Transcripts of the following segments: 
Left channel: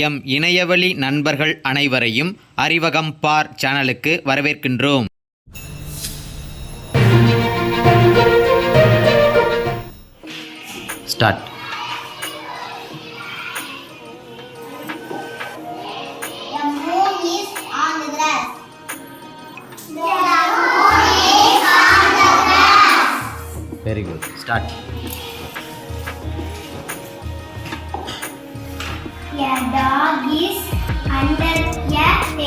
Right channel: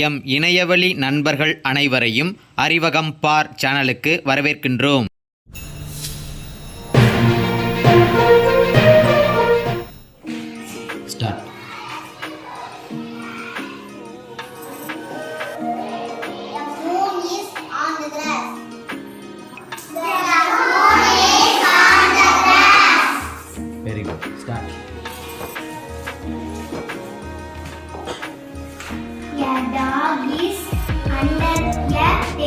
M இணையவழி நண்பர்கள் அனைவரையும் அறிவகம் பார் சேனலுக்கு வரவேற்கின்றோம். Start very good start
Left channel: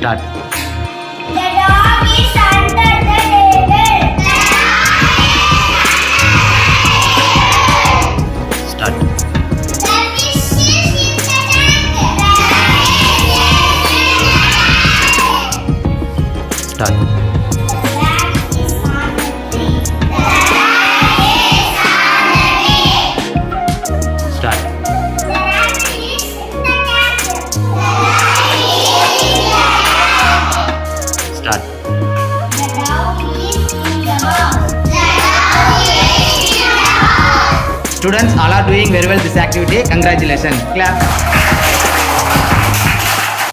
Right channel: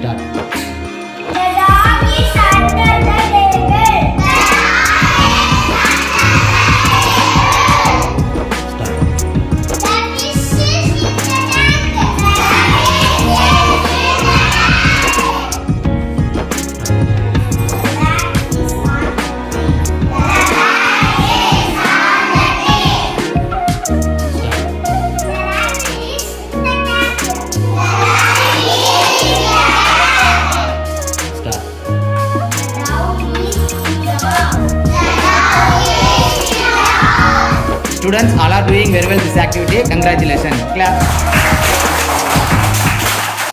Dad. Students all are doing very well this activity. Congratulations. Clap.